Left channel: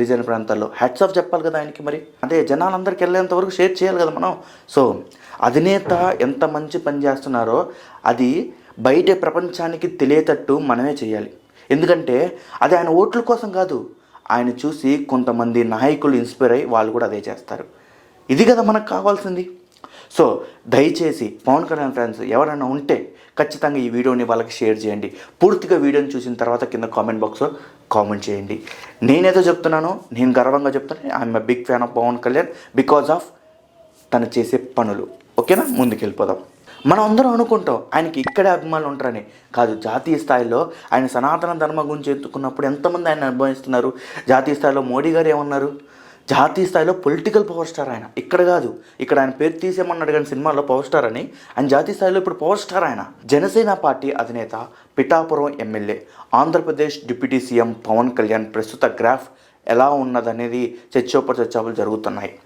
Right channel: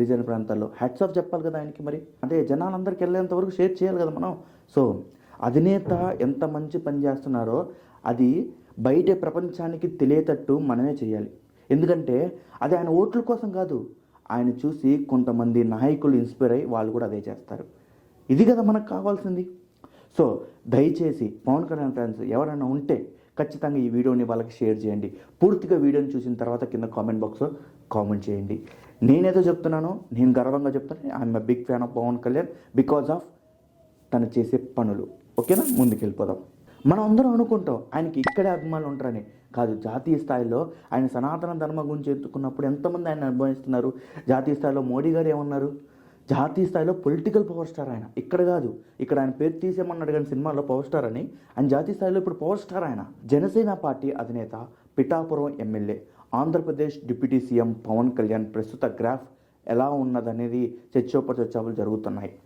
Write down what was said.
గిరిజన ప్రాంతాల్లో hats off చెప్పాలి కదా ఆయనకి. మరి అదే జనాలందరికీ వెళ్ళేంత వరకు షేర్ చేయాలి కదా మనం. సో అధినేత ఎంత మంచి పని చేస్తున్నారో అది బయట ప్రపంచానికి తెలియేటట్టు మనమే చేయాలి. ఎందుకంటే అది ఆయన ఓట్ల కోసం కాదు, ఆయన చూసి కొంతమంది నాయకులు ఇన్స్పైర్ అయ్యి వాళ్ళు కూడా అదే చేస్తారు. ఇది కదా మనకు కావాల్సింది. సో దయచేసి పవన్ కళ్యాణ్ ఫ్యాన్స్ ఎవరైనా ఉంటే ఖచ్చితంగా ఈ వీడియోని వాళ్ళకి షేర్ చేయండి. పూర్తిగా వీడియోని చూసిన తర్వాత కింద కామెంట్ బాక్స్లో కామెంట్ చేయండి. నేనేదో చెప్తున్నానో నేను గర్వంగా చెప్తాను, I'm a big fan of Pawan Kalyan because of తను చేసే పనులు. ఓకేనా, ముందుకెళ్ళిపోదాం. మనం అందరం అనుకుంటాం ఆయనకి ఇక్కడే అభిమానులు ఉంటారని. కాదు, జాతీయ స్థాయిలో ఆయన సనాతన ధర్మం గురించి ఎత్తుకున్నప్పుడు ఎంతమంది ఆయన అనుభవిస్తున్నారు. జాతీయ స్థాయిలో మోడీ గారు ఏమన్నారు, జాతీయ స్థాయిలో పొలిటికల్ పవర్ స్టార్ ఆయన. ఇక్కడ కాదు, ఇక్కడ ఆయన పేరు తీసేమన్నాడు కానీ సినిమాలో పవర్ స్టార్ అని, ఆయన జాతీయ స్థాయిలో ఇప్పుడు పవర్ స్టార్ ఆయన. జనసేన పార్టీ అధినేత, Pithapuram MLA, Andhra Pradesh deputy CM Pawan Kalyan ప్రస్తుత గ్రాఫ్ ఎలా ఉన్నదనేది చర్చోపచర్చలు జరుగుతున్నాయి.